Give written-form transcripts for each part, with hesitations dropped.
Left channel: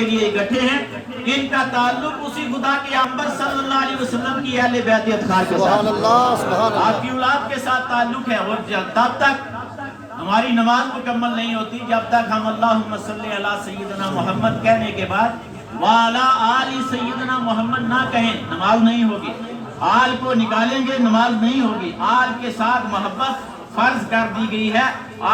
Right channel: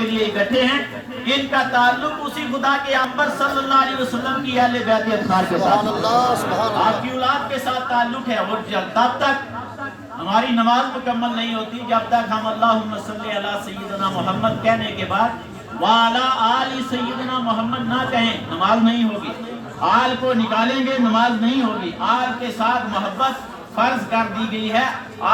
کے لیے اکٹھے ہیں، ان کا تعلق اسی خدا کے پیغمبر صلی اللہ علیہ وسلم کی اہل بیت اطہار کے ساتھ، آپ کی اولاد کے ساتھ تعلق ہے۔ اور تب تک ہماری نماز مکمل نہیں ہوتی جب تک ہم اللہم صلی علی سیدنا محمد کہنے کے بعد وعلی آل سیدنا محمد نہ کہیں، نماز نہیں ہوگی۔ آل کو نکالیں گے، نماز نہیں ہوگی۔ آل کے ساتھ محبت فرض کر دی گئی ہے،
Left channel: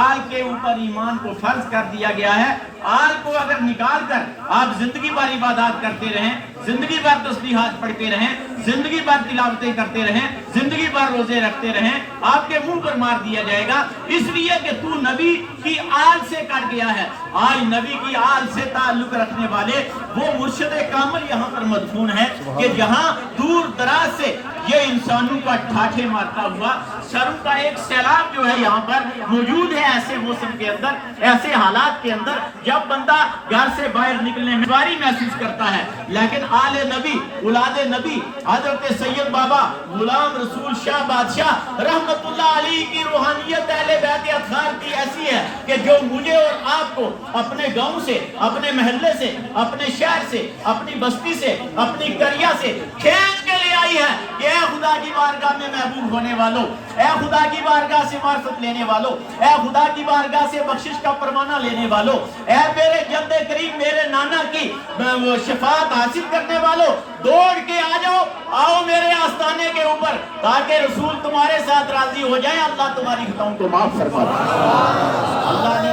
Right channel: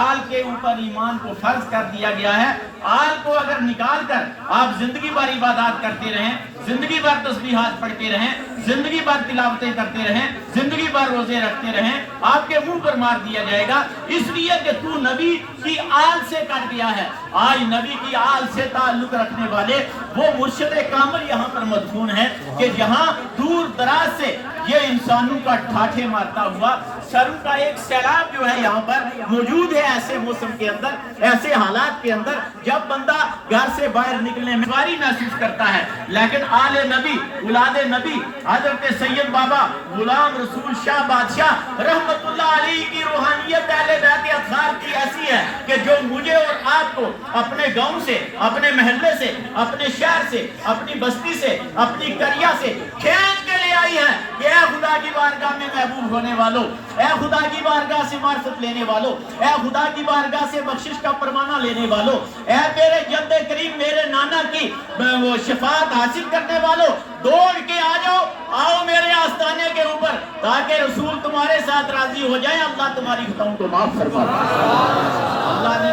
آل کے اوپر ایمان کو فرض کر دیا گیا ہے۔ آل کو اگر نکال کر آپ زندگی بھر عبادات کرتے رہیں، زندگی بھر تسبیحات پڑھتے رہیں، زندگی بھر تلاوتیں کرتے رہیں، زندگی بھر روزے رکھتے رہیں، آپ کے منہ پر مار دیا جائے گا، اس لیے کہ تو نبی کی آل سے کٹ گیا ہے۔ آج نبی کی آل سے تعلق رکھنے والے وہ مرشد کامل یہاں پر مدفون ہے کہ جہاں دور دراز سے یہ انسانوں کا ٹھاٹھے مارتا ہوا سروں کا ایک سیلاب جو ہے یہاں پر موجود ہے۔ ایسے موسم کے اندر، ایسے حالات کے اندر جب بندہ گھر سے باہر نکلنے میں دشواری محسوس کرتا ہے، لیکن آل نبی، اولاد نبی، حضرت سید بابا غلام رسول شاہ بادشاہ رحمت اللہ علیہ کی روحانیت اہل بیت اطہار کی ایسی ہے کہ جو مجھے اور آپ کو اپنے گاؤں سے، اپنے محلے سے، اپنے شہر سے، اپنی بستی سے، اپنی قریہ سے کھینچ کے لے آئی ہے کہ اے خدا کی بارگاہ میں محبوب ہونے والوں، اے خدا کی بارگاہ سے معرفت لینے والوں، اے خدا کی بارگاہ سے بخشش کا پروانہ لینے والوں، اے میرے جد کریم، میرے نانا کی شفاعت حاصل کرنے والوں، دوڑ کے آ جاؤ، آؤ میرے آستانے کے اوپر تاکہ رسول تمہارے ساتھ راضی ہو جائیں، اللہ تمہاری خطاؤں کو معاف فرما۔ اللہ نے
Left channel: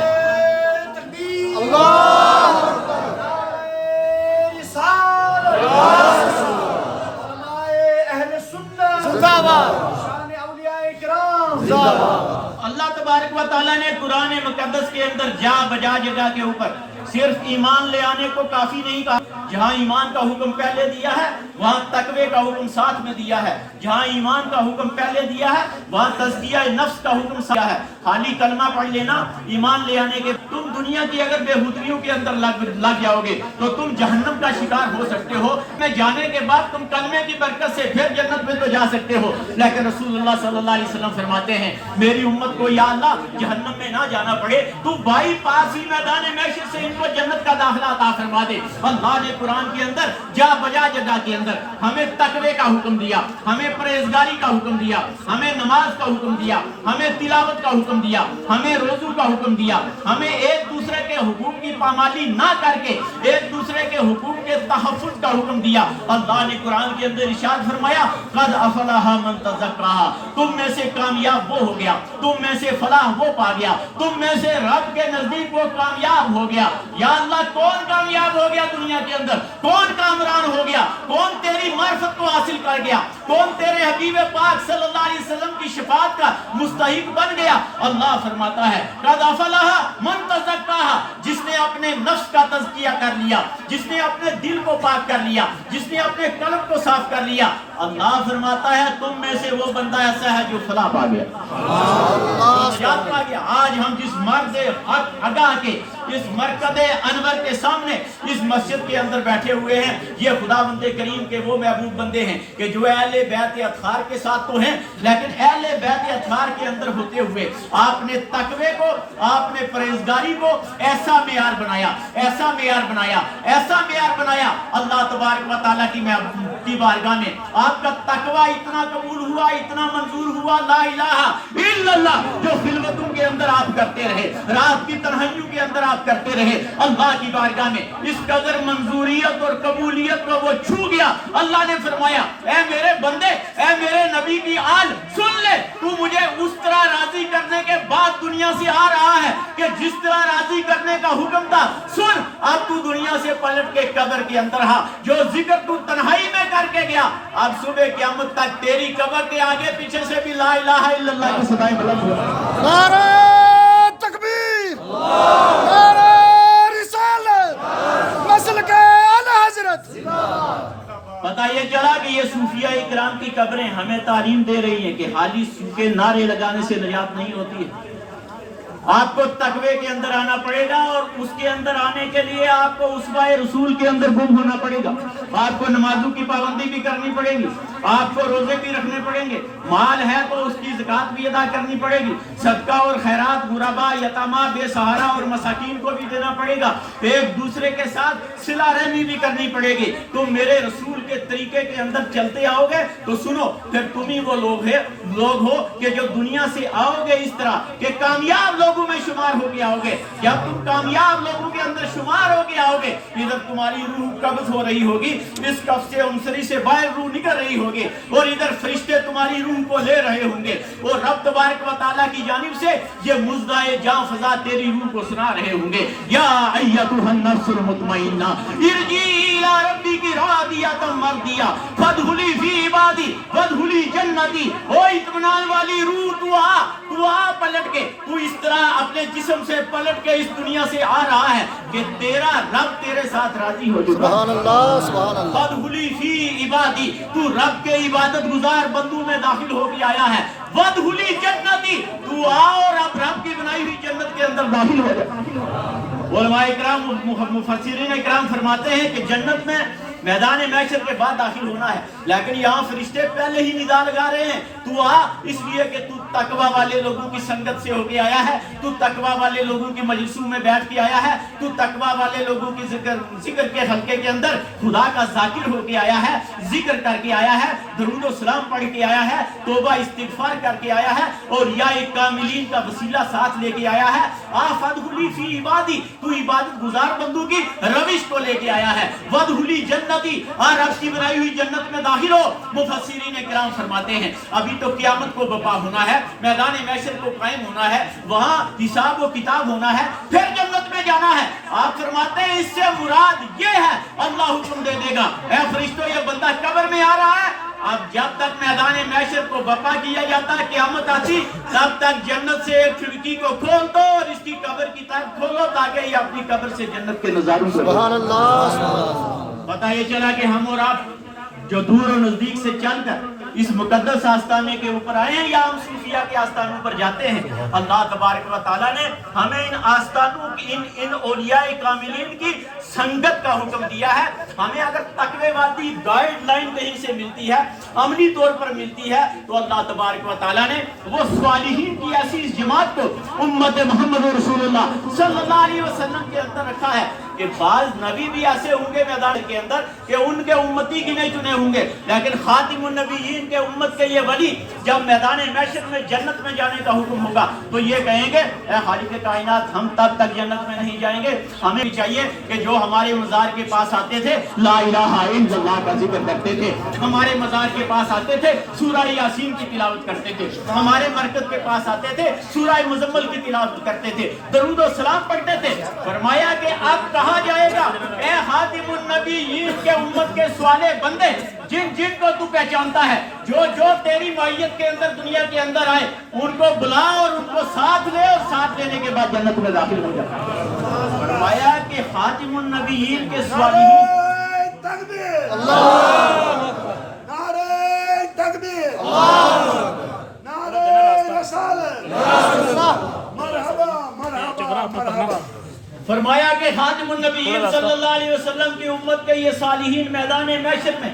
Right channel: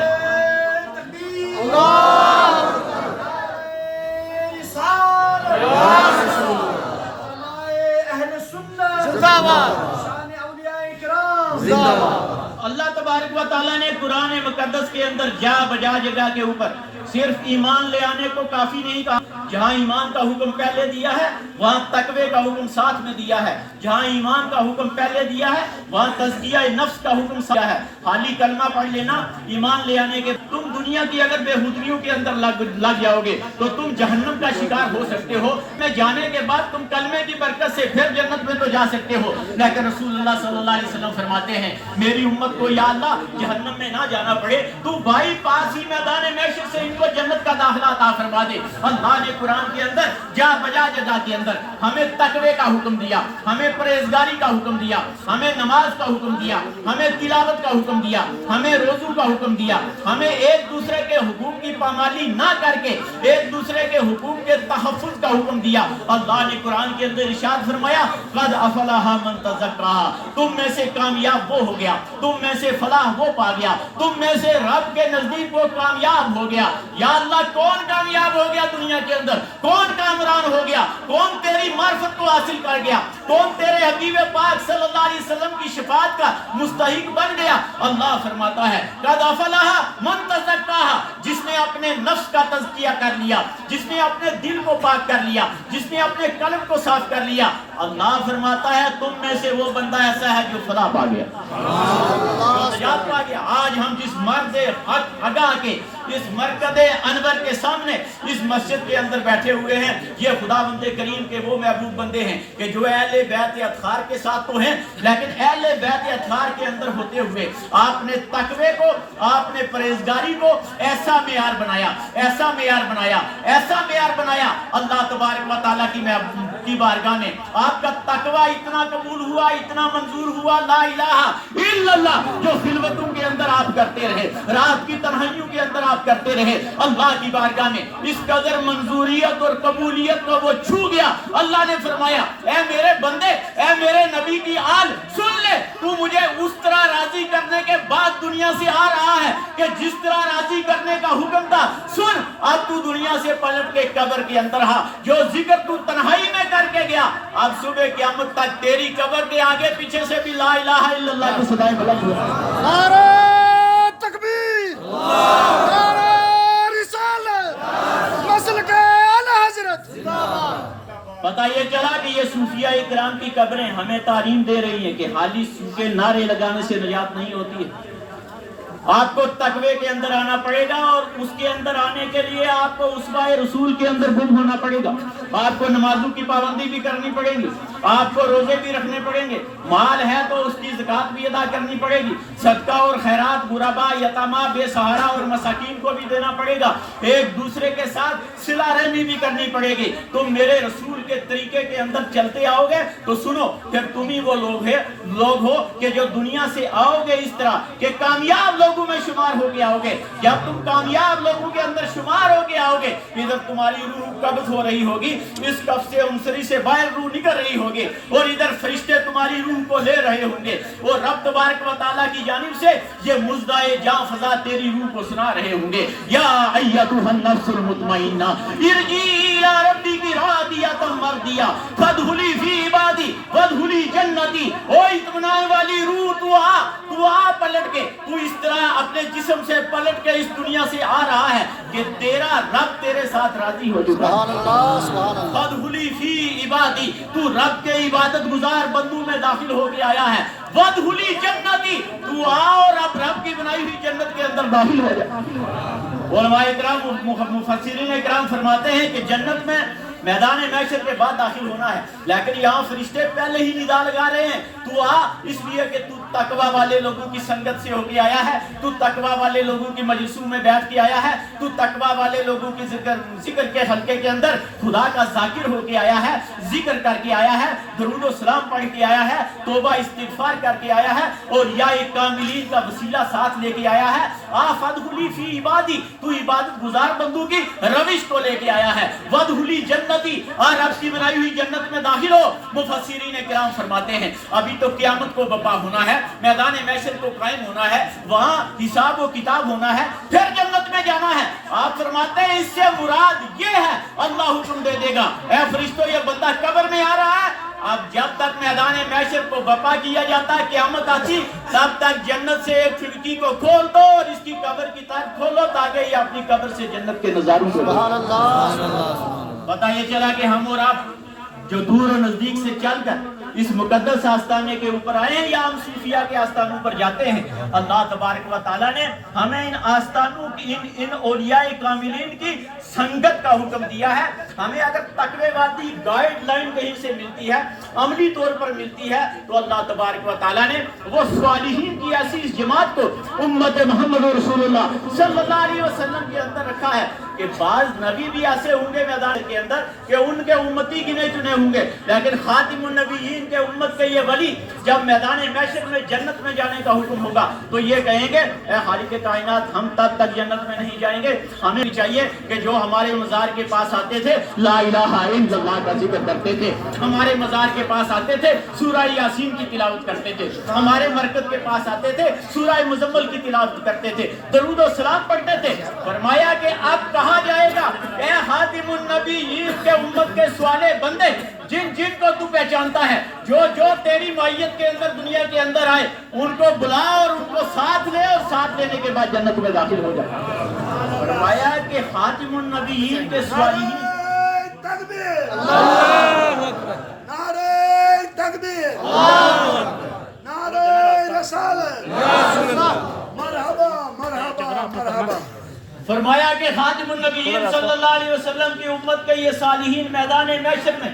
اللہ تبارک و تعالیٰ نے قرآن مقدس کے اندر جا بجا جگہ کے اوپر صرف ایمان لے آنے کو کافی نہیں کہا۔ جہاں ایمان کا حکم پہلے دیا ہے وہاں تقوی کا حکم ساتھ میں دیا ہے۔ جہاں ایمان کا حکم پہلے دیا ہے وہاں تزکیہ نفس کا حکم ساتھ ہے۔ خالی کلمہ پڑھ لینا ایمان لے آنے کے، تم دنیا کی اگر بے حدریوں کے اندر لگ جاؤ گے تو تم جہنم کا شکار ہو سکتے ہو۔ میں جانے کے بعد تم کلمے کی برکت سے پھر جنت میں تو جا سکتے ہو، لیکن رسول اللہ صلی اللہ علیہ وسلم فرماتے ہیں میری امت کو یا اللہ جہنم میں نہ جانا پڑے، تو بائی پاس ہی میدان محشر سے ان کو جنت کا داخلہ عطا فرما دے۔ اللہ نے قرآن کے اندر جا بجا جگہ کے اندر ہمیں تقوی کا حکم دیا، ہمیں پرہیزگاری کا حکم دیا، ہمیں نماز کا حکم دیا، ہمیں تلاوت کا حکم دیا، ہمیں روزوں کا حکم دیا، ہمیں ایک دوسرے کے حقوق کی پامالی نہ کر کے ایک دوسرے کے حقوق کے تحفظ کا حکم دیا۔ اللہ نے قرآن کے اندر ارشاد فرمایا قد افلح من تزکا، تم میں سے کامیاب وہ ہو گیا، تم میں سے فلاح وہ پا گیا، تم میں سے رب کے نزدیک وہ کامیاب ہو گیا۔ یا اللہ کون کامیاب ہو گیا دنیا کے اندر؟ کون کامران ہو گیا؟ کون تیری معرفت کو حاصل کر گیا؟ کون تیرے حبیب پاک صلی اللہ علیہ وسلم کی شفاعت کا مستحق بن گیا؟ اللہ فرماتا ہے قد افلح من تزکا، جس نے اپنے نفس کا تزکیہ کر لیا، جس نے اپنے دل کو پاک کر لیا، جس نے اپنے قلب کو صاف کر لیا، اللہ فرماتا ہے تم میں سے وہ بندہ ایسا ہے جو فلاح پا گیا، جو نجات پا گیا۔ آج ہم جس مرد حق آگاہ کے اس مرکز انور کے سامنے اس مسجد کے اندر بیٹھے ہوئے ہیں، یہ خدا بند کریم کے وہ محبوب بندے ہیں کہ جو اہل بیت اطہار کے ساتھ تو ہیں، لیکن اہل بیت اطہار کے اندر ہوتے ہوئے آپ نے تقوی کو، آپ نے پرہیزگاری کو ایسا معیار بنایا، ایسا معیار بنایا، ایسا معیار بنایا۔ اللہ تبارک و تعالیٰ کی بارگاہ میں آپ کا تقوی اتنا قبول ہوا، اتنا منظور ہوا، لا الہ الا اللہ، جو خلوتوں کے اندر آپ کرتے رہے، رات کی تنہائیوں کے اندر آپ کرتے رہے، اللہ کی بارگاہ میں اس قدر منظوریت اور قبولیت کو وہ چھو گیا۔ اللہ نے فرمایا اے میرے بندے، اے میرے نبی کی آل، سن لے، تو مجھے اس طرح راضی کرنے کے بعد دنیا سے آ رہا ہے کہ جس طرح راضی کرنے کا حکم تھا، سن اب تو دنیا سے پلٹ کے قبر کے اندر ہاں، جو ذکر تو تنہائی میں کر کے گیا، اب صبح قیامت تک تیری قبر کے آگے پیچھے سے بھی لا الہ الا اللہ کی صدائیں بلند ہو۔ نعرہ تکبیر، نعرہ رسالت، نسل کے اعلی حضرت۔ پتہ یہ چلا کہ یہ صوفیہ اکرام کی قبریں ہمیں تعلیم دے رہی ہیں کہ خالی سوکھے نعرے لگانے سے نجات نہیں ہوتی ہے۔ آپ کو تقوی کے اندر آنا پڑے گا، اور اس کے اندر آنے کے لیے آپ کو اسوہ رسول کے اندر گم ہونا پڑے گا۔ آپ کو نمازوں کی پابندی بھی کرنی پڑے گی، آپ کو روزے بھی رکھنے پڑیں گے، مال ہے تو اس کی زکوٰۃ بھی ادا کرنی پڑے گی، صدقہ اور خیرات غربا، یتامہ، بے سہارا اور مساکین کو بھی دینا پڑے گا، ایک دوسرے کے ساتھ صلہ رحمی بھی کرنی پڑے گی۔ تم میرے رسول کے طریقے کے اندر چلتے آؤ گے تو سنو، پھر تم ہی وہ لوگ ہو کہ جو دنیا سے آؤ گے اس طرح کہ کامیاب لوگوں میں شمار ہو کے آؤ گے۔ جب تم کامیاب لوگوں کے اندر شمار ہو کے آؤ گے، ادھر تمہاری روح قبض ہو رہی ہوگی، اس کف سے انصری سے باہر روح نکل رہی ہوگی، اور ادھر فرشتے تمہاری روح کو لے رہے ہوں گے، اور رب تبارک و تعالیٰ کی جانب سے یہ مزدائے جاں فضا تیری روح کو سنا رہے ہوں گے، یا ایتھا النفس المطمئنہ ارجعی الی ربک راضیۃ مرضیہ فادخلی فی عبادی وادخلی جنتی۔ او اطمینان والی روح، تو آ پلٹ کے، تو اس طرح اپنے جسم سے پلٹ کے اس دنیا سے آ رہا ہے کہ تیرا رب تیرے ساتھ راضی ہو چکا ہے۔ فادخلی فی عبادی، تو رب کے عبادت گزار بندوں میں داخل ہو کے آیا ہے۔ وادخلی جنتی، تو آ اور اب رب کی بنائی ہوئی جنت کے اندر داخل ہو جا۔ علماء اکرام، مفسرین اکرام فرماتے ہیں کہ جنت میں میدان محشر کے بعد داخل ہونا ہے، لیکن یہاں فرشتے پہلے ہی ندا لگا رہے ہیں، تو آ، اس لیے کہ تو تقوی والے لوگوں کی سنگت سے ہو کے آیا ہے، تو تقوی والے لوگوں کی مجلسوں میں بیٹھ کے آیا ہے، تو تقوی والے لوگوں کی ذکر کے حلقے کے اندر خدا کا ذاکر ہو کے آیا ہے، ذکر کر کے آیا ہے، درود و سلام پڑھ کے آیا ہے، توبہ استغفار کر کے آیا ہے، اور یا کاملین کا وسیلہ ساتھ لے کے آیا ہے۔ فادخلی فی عبادی، تو عبادت گزار بندوں کی روش کو لے کے آیا ہے۔ وادخلی جنتی، اور رب کی بنائی ہوئی جنت میں داخل ہو۔ مفسرین کرام فرماتے ہیں ابھی تو قیامت کو برپا ہونا ہے، میدان محشر کو قائم ہونا ہے، وہاں حساب و کتاب ہونا ہے، پھر جنت میں جانا ہے۔ آپ فرماتے ہیں اس سے مراد یہ ہے، اللہ حکم دے دے گا، اے فرشتوں یہ بندہ قبر میں آ رہا ہے، اب جب تک میدان محشر کو برپا کیا جاتا ہے، قیامت آتی، تب تک جنت سے ایک کھڑکی کو کھول دو اور اس کی قبر کی طرف کھولو تاکہ یہ اپنی قبر سے جنت کے نظاروں کو پتہ یہ چلا کہ ہم اور آپ جو دور و نزدیک سے چل کر اس مقدس آستانے کے اوپر آئے ہیں یا ہم صوفیہ کے آستانوں پر جاتے ہیں، اللہ تبارک و تعالیٰ نے ہمیں ان آستانوں کی ان اولیاء کاملین کی سنگت کا حکم دیا ہے۔ ہمیں اگر تقوی والی گائیڈ لائن کہیں سے ملتی ہے، عملی طور پر ملتی ہے، تو اللہ تبارک و تعالیٰ نے وہ صالحین کی ایسی اس جماعت کو امت محمد رسول اللہ صلی اللہ علیہ وسلم کے اندر رکھا ہے کہ بعض نبی بھی ایسے ہوں گے میدان کے اندر کہ ان کے امتی گنے چنے ہوں گے، لیکن خاتم النبیین کے امت کے یہ ولی جب میدان محشر میں جنت میں جانے کا حکم ہوگا تو یہ کہیں گے اے خالق کائنات، ہم تب تک جنت میں نہیں جائیں گے، ہمیں بھی چاہیے کہ جو ہمارے مزار کے پاس آتے تھے لا الہ الا اللہ کا ذکر کرتے تھے، ہمارے مزار کے پاس آتے تھے سورہ یاسین کی تلاوت کرتے تھے، ہمارے مرکز کے پاس آتے تھے سورہ مزمل کی تلاوت کرتے تھے، درود و سلام پڑھتے تھے۔ فرمایا کہ اب کہا جائے گا اے خاتم النبیین کے امت کے سوالے بندے، جن جن کو تو پہچانتا ہے، جو تیری معیت کے اندر دنیا کے اندر آئے، ان کو بلا اور ان کو ساتھ لے، اور ساتھ لینے کے بعد جنت میں داخل ہو جاتا ہے۔ فرمایا کہ خاتم النبیین کے سوالین، تکبیر، نعرہ تکبیر، نعرہ رسالت، مرحبا مرحبا مرحبا۔ فرمایا کہ خاتم النبیین صلی اللہ علیہ وسلم کی امت کے یہ صالحین میدان محشر میں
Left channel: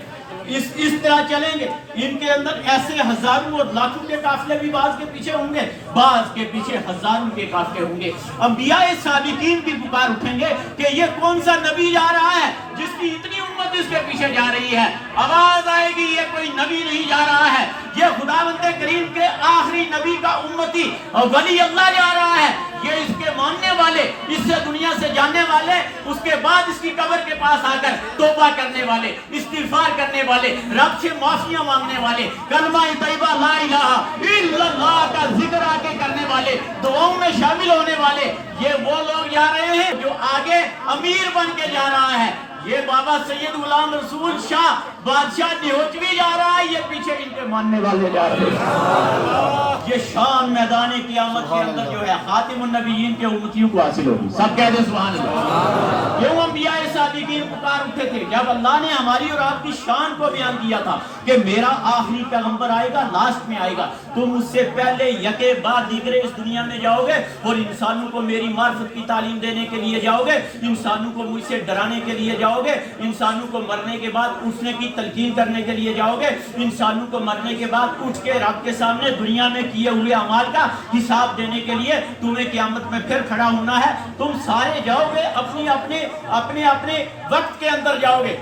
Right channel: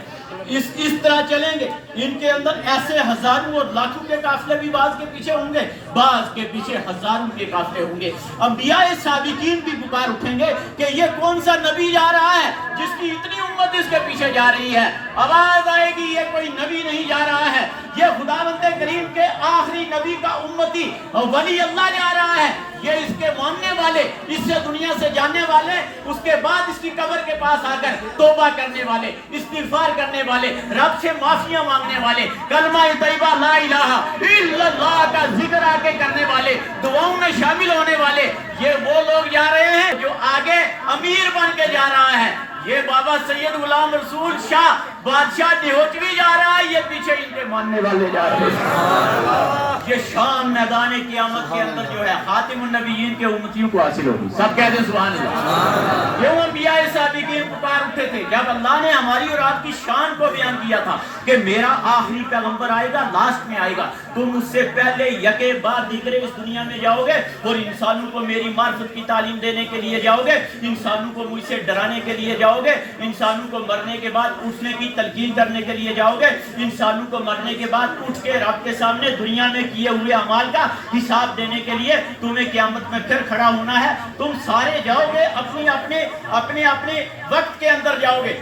اس طرح چلیں گے، ان کے اندر ایسے ہزاروں اور لاکھوں کے قافلے بھی بعض کے پیچھے ہوں گے، بعض کے پیچھے ہزاروں کے قافلے ہوں گے۔ انبیاء صادقین بھی پکار اٹھیں گے کہ یہ کون سا نبی جا رہا ہے جس کی اتنی امت اس کے پیچھے جا رہی ہے؟ آواز آئے گی یہ کوئی نبی نہیں جا رہا ہے، یہ خداوند کریم کے آخری نبی کا امتی ولی اللہ جا رہا ہے، یہ اس کے ماننے والے، اس سے دنیا سے جانے والے، اس کے بعد اس کی قبر کے پاس آ کر توبہ کرنے والے، استغفار کرنے والے، رب سے معافیاں مانگنے والے، کلمہ طیبہ لا الہ الا اللہ کا ذکر آ کے کرنے والے، دعاؤں میں شامل ہونے والے، یہ وہ لوگ جا رہے ہیں جو آگے امیر بن کے جا رہا ہے۔ یہ بابا سید غلام رسول شاہ بادشاہ نیوچوی جا رہا ہے، یہ پیچھے ان کے ماننے والے جا رہے ہیں۔ یہ شان میدان قیامت کے اندر جو ہے خاتم النبیین کے امتیوں کو حاصل ہوگی. سب کہہ دیں سبحان اللہ. یہ انبیاء سابقین پکار اٹھے تھے جب اللہ نے ہماری اور آپ کی شان کو بیان کیا تھا کہ میرا آخری پیغمبر آئے گا, لاسٹ میں آئے گا, تم اس سے پہلے یکے بعد دیگرے اس دنیا میں جاؤ گے اور انسانوں کو میری معرفت کی تعلیم دینے کے لیے جاؤ گے, انسانوں کو مجھ سے ڈرانے کے لیے جاؤ گے, انسانوں کو مرنے کے بعد اٹھنے کی تلقین کرنے کے لیے جاؤ گے, انسانوں کو مرنے کے بعد اٹھ کے رب کے سامنے دنیا میں کیے ہوئے اعمال کا حساب دینے کے لیے تمہیں قیامت میں پھر کھڑا ہونا ہے. تم سارے جاؤ گے اپنے اپنے وقت کے اندر جاؤ گے.